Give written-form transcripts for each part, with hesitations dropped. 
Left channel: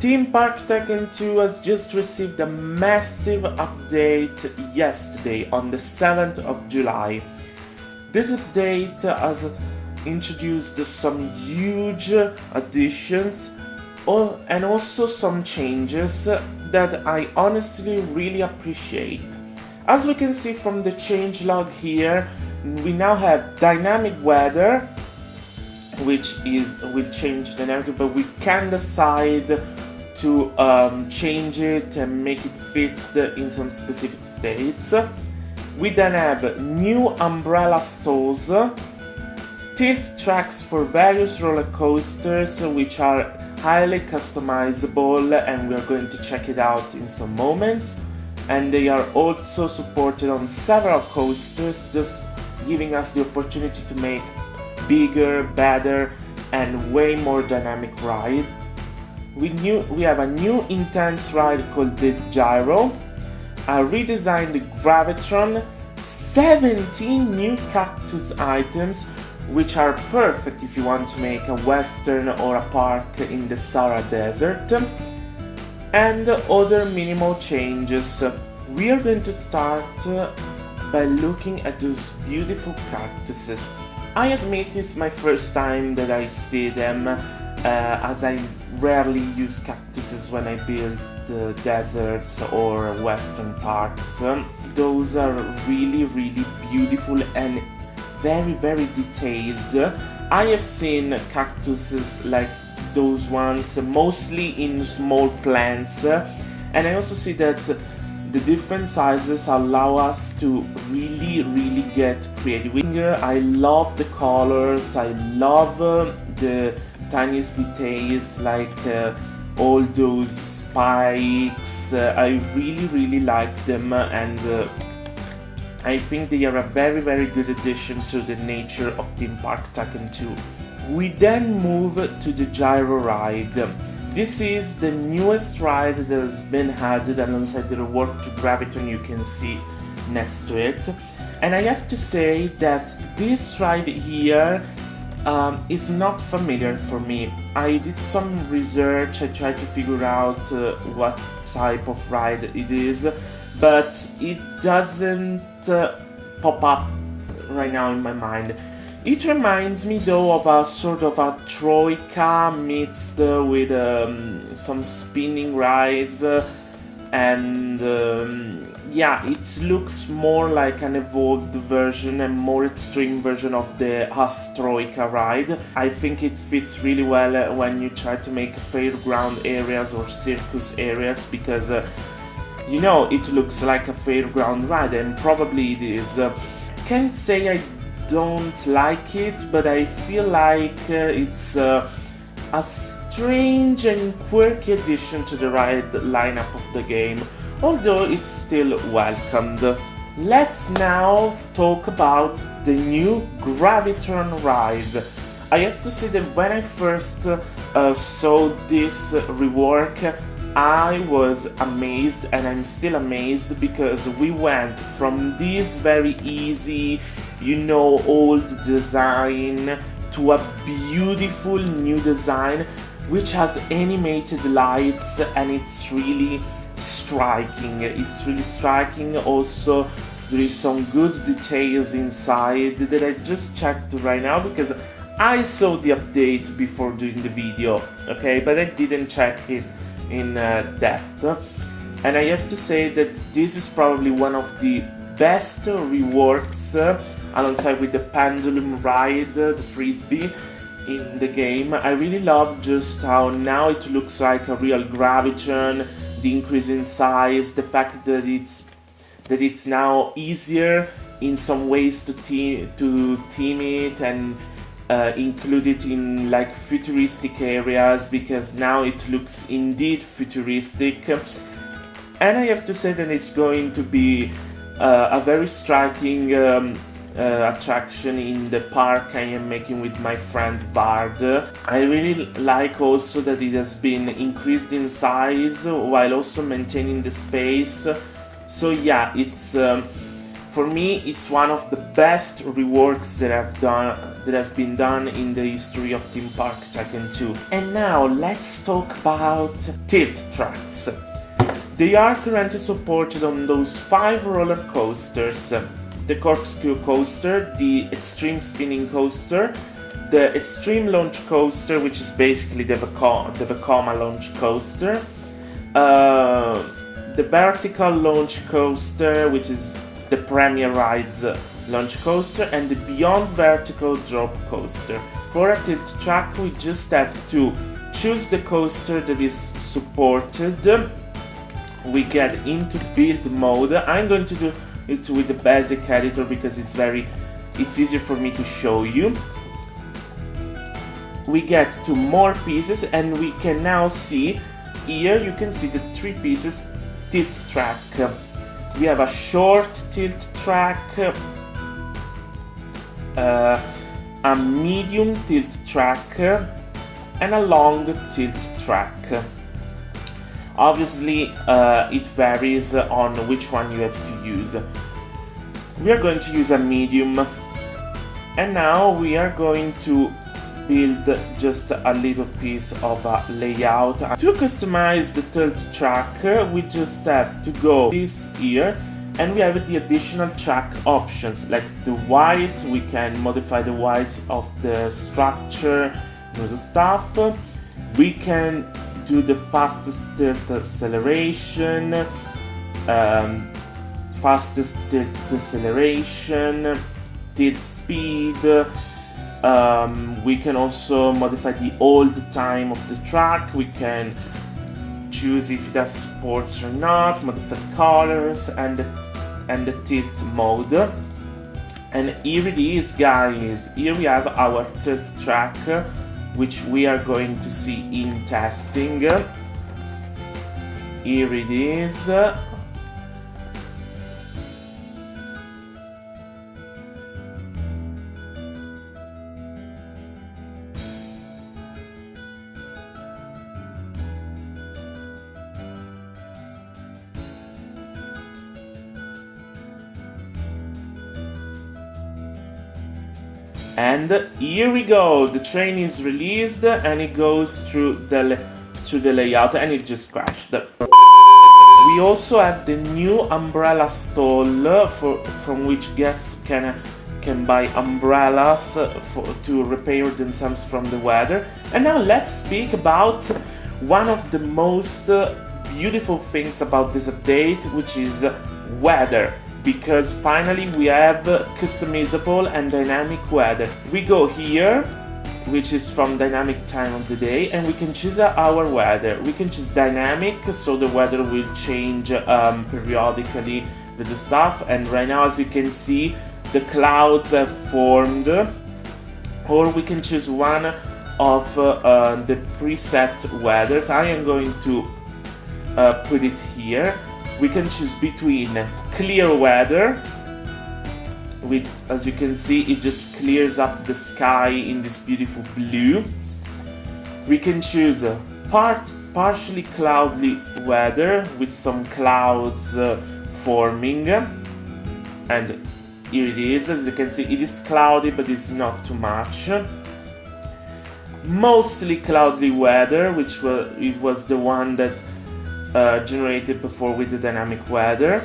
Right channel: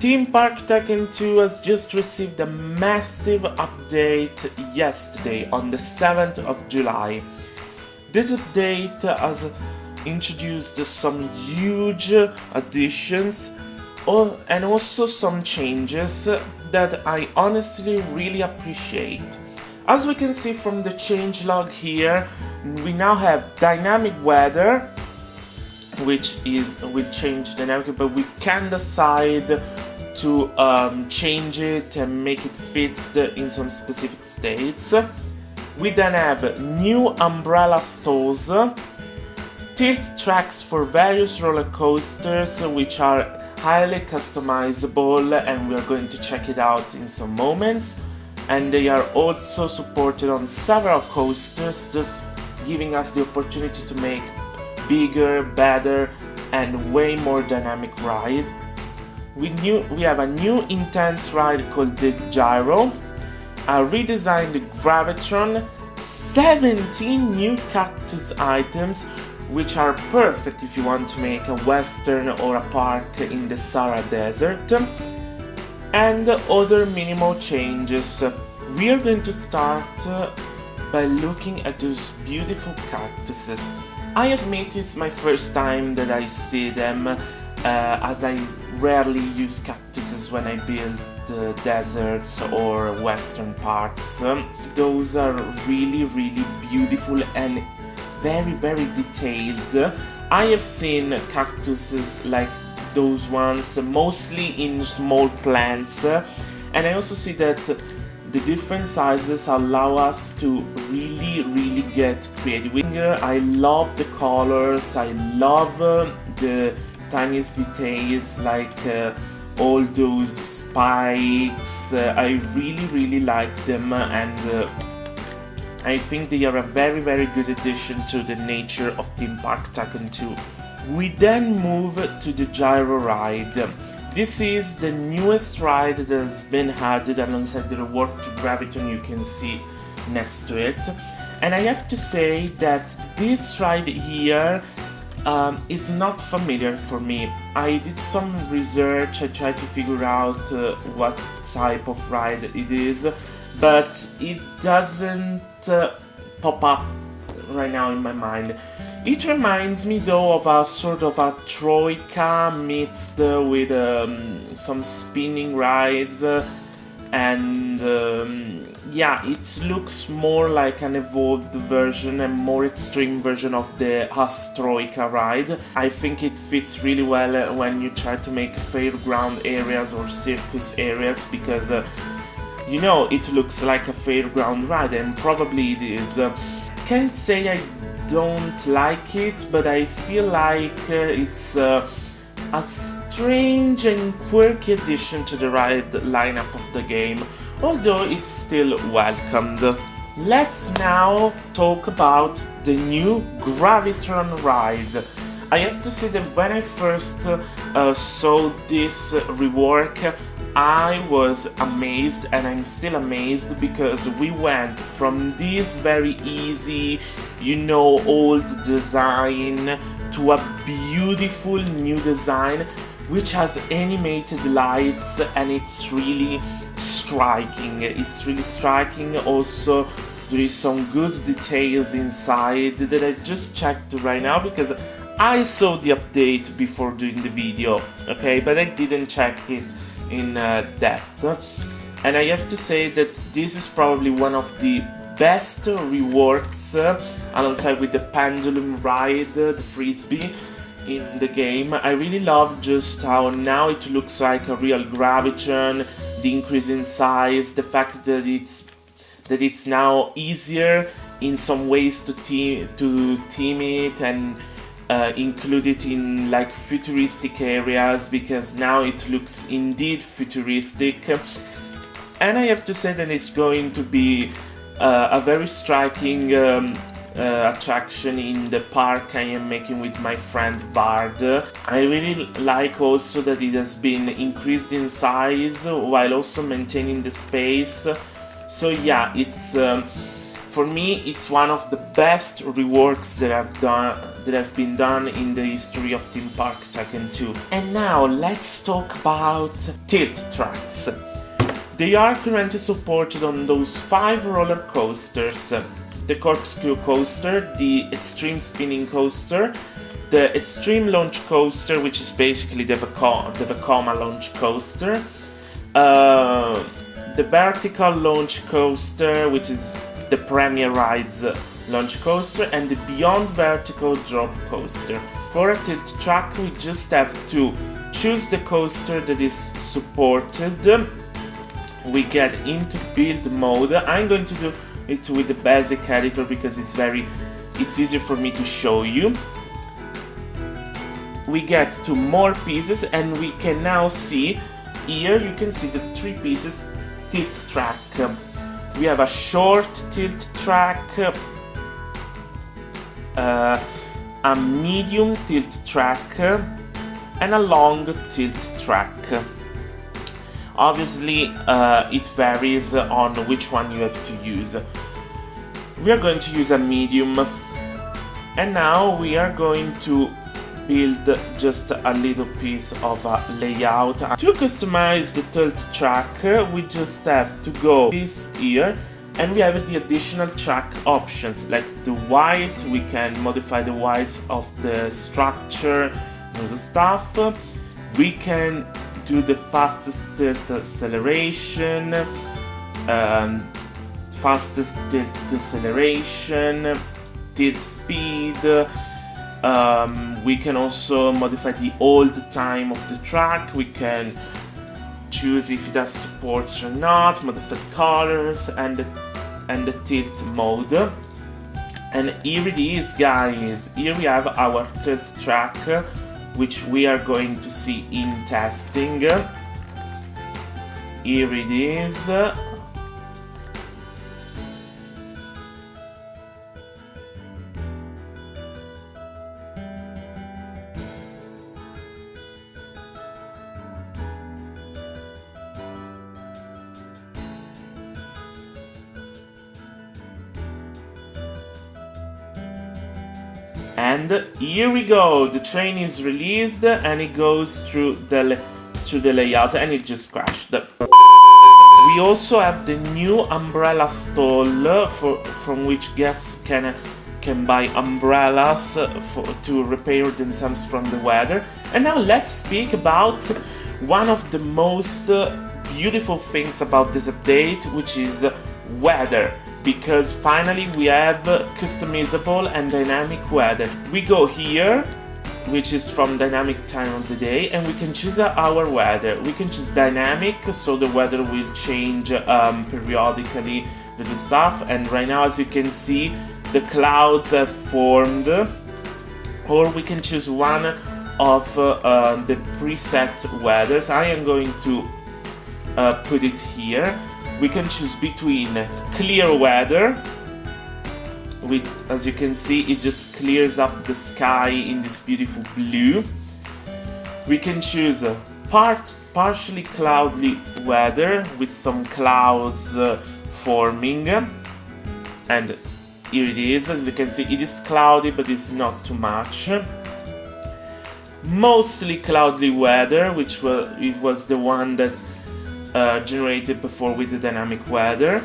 Theme Park Tycoon 2 has just received a massive update yesterday on the 7th of July. This update has introduced some huge additions and also some changes that I honestly really appreciate. As we can see from the changelog here, we now have dynamic weather, which will change dynamically, but we can decide to change it and make it fit in some specific states. We then have new umbrella stalls, tilt tracks for various roller coasters, which are highly customizable, and we are going to check it out in some moments. And they are also supported on several coasters, just giving us the opportunity to make bigger, better, and way more dynamic rides. We have a new intense ride called the Gyro, a redesigned Gravitron, 17 new Cactus items, which are perfect if you want to make a western or a park in the Sahara Desert, and other minimal changes. We are going to start by looking at those beautiful cactuses. I admit it's my first time that I see them, as I rarely use cactuses when I build deserts or western parks. Those are really beautiful and very detailed. I have seen cactuses like those ones mostly in small plants, and I also see that the different sizes allow us to really get creative. I love the colors, I love the tiniest details, like all those spikes. I really like them, and I think they are a very good addition to the nature of Theme Park Tycoon 2. We then move to the Gyro ride. This is the newest ride that has been added alongside the rework to Gravitron, you can see next to it. And I have to say that this ride here is not familiar for me. I did some research, I tried to figure out what type of ride it is, but it doesn't pop up right now in my mind. It reminds me though of a sort of a troika mixed with some spinning rides, and yeah, it looks more like an evolved version and more extreme version of the Troika ride. I think it fits really well when you try to make fairground areas or circus areas, because you know, it looks like a fairground ride, and probably it is. Can't say I don't like it, but I feel like it's a strange and quirky addition to the ride lineup of the game, although it's still welcomed. Let's now talk about the new Gravitron ride. I have to say that when I first saw this rework, I was amazed, and I'm still amazed, because we went from this very easy, you know, old design to a beautiful new design which has animated lights, and it's really striking. It's really striking. Also, there is some good details inside that I just checked right now, because I saw the update before doing the video, okay, but I didn't check it in depth. And I have to say that this is probably one of the best reworks, alongside with the pendulum ride, the frisbee, in the game. I really love just how now it looks like a real Gravitron, the increase in size, the fact that it's now easier in some ways to team it and include it in like futuristic areas, because now it looks indeed futuristic. And I have to say that it's going to be a very striking attraction in the park I am making with my friend Bard. I really like also that it has been increased in size while also maintaining the space. So yeah, it's for me it's one of the best reworks that that have been done in the history of Theme Park Tycoon 2. And now let's talk about tilt tracks. They are currently supported on those 5 roller coasters: the corkscrew coaster, the extreme spinning coaster, the extreme launch coaster, which is basically the Vekoma launch coaster, the vertical launch coaster, which is the Premier Rides launch coaster, and the Beyond Vertical drop coaster. For a tilt track, we just have to choose the coaster that is supported. We get into build mode. I'm going to do it with the basic editor because it's easier for me to show you. We get to more pieces, and we can now see here, you can see the 3 pieces tilt track. We have a short tilt track, a medium tilt track, and a long tilt track. Obviously, it varies on which one you have to use. We are going to use a medium, and now we are going to build just a little piece of a layout. To customize the tilt track, we just have to go this here, and we have the additional track options like the white. We can modify the white of the structure and all the stuff. We can do the fastest tilt acceleration, fastest tilt deceleration, tilt speed. We can also modify the hold time of the track. We can choose if it has supports or not, modify colors, and the tilt mode. And here it is, guys. Here we have our tilt track, which we are going to see in testing. Here it is. And here we go, the train is released and it goes through the layout, and it just crashed. We also have the new umbrella stall from which guests can buy umbrellas to repair themselves from the weather. And now let's speak about one of the most beautiful things about this update, which is weather. Because finally we have customizable and dynamic weather. We go here, which is from dynamic time of the day, and we can choose our weather. We can choose dynamic, so the weather will change periodically with the stuff. And right now, as you can see, the clouds have formed. Or we can choose one of the preset weathers. I am going to put it here. We can choose between clear weather, which, as you can see, it just clears up the sky in this beautiful blue. We can choose partially cloudy weather with some clouds forming, and here it is. As you can see, it is cloudy, but it's not too much. Mostly cloudy weather, which was the one that generated before with the dynamic weather.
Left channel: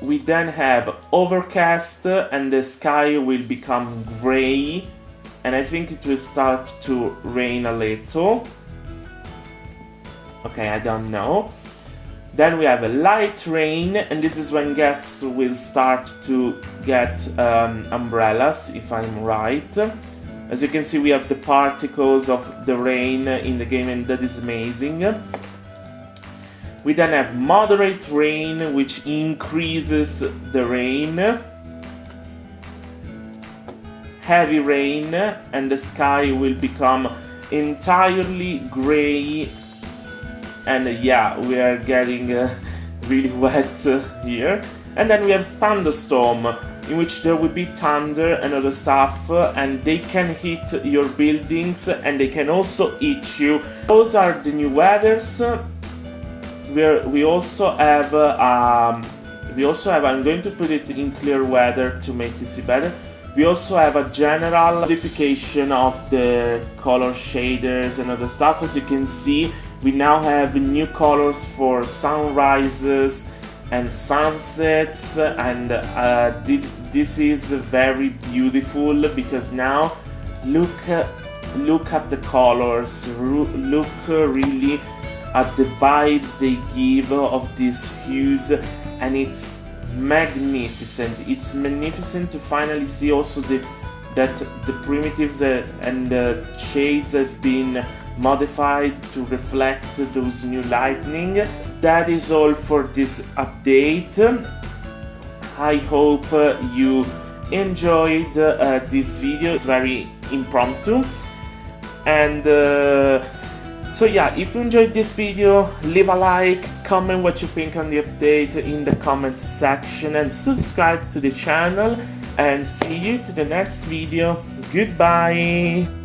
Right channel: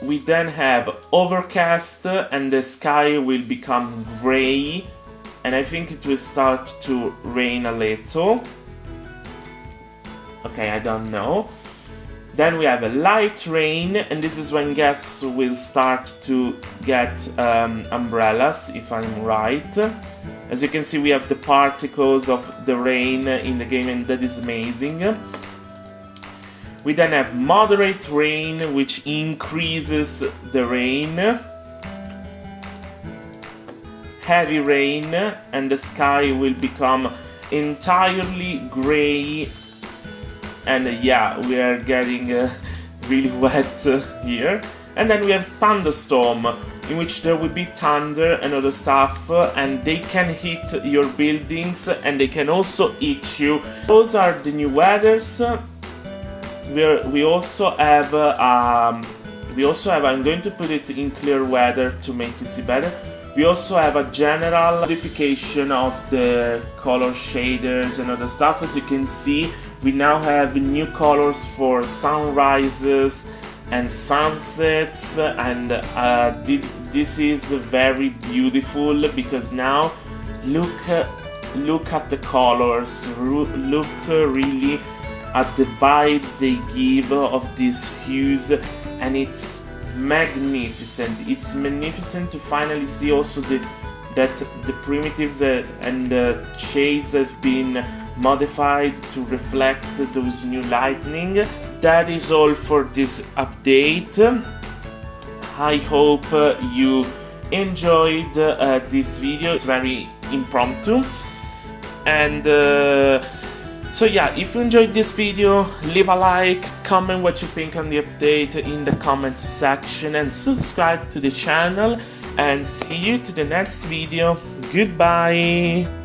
We then have overcast, and the sky will become gray, and I think it will start to rain a little. Okay, I don't know. Then we have a light rain, and this is when guests will start to get umbrellas, if I'm right. As you can see, we have the particles of the rain in the game, and that is amazing. We then have moderate rain, which increases the rain. Heavy rain, and the sky will become entirely gray. And yeah, we are getting really wet here. And then we have thunderstorm, in which there will be thunder and other stuff, and they can hit your buildings, and they can also hit you. Those are the new weathers. We also have, I'm going to put it in clear weather to make you see better. We also have a general modification of the color shaders and other stuff. As you can see, we now have new colors for sunrises and sunsets, and this is very beautiful because now look at the colors, look really at the vibes they give of these hues, and it's magnificent. It's magnificent to finally see also that the primitives and the shades have been modified to reflect those new lightning. That is all for this update. I hope you enjoyed this video. It's very impromptu, and so yeah, if you enjoyed this video, leave a like, comment what you think on the update in the comments section, and subscribe to the channel, and see you to the next video. Goodbye.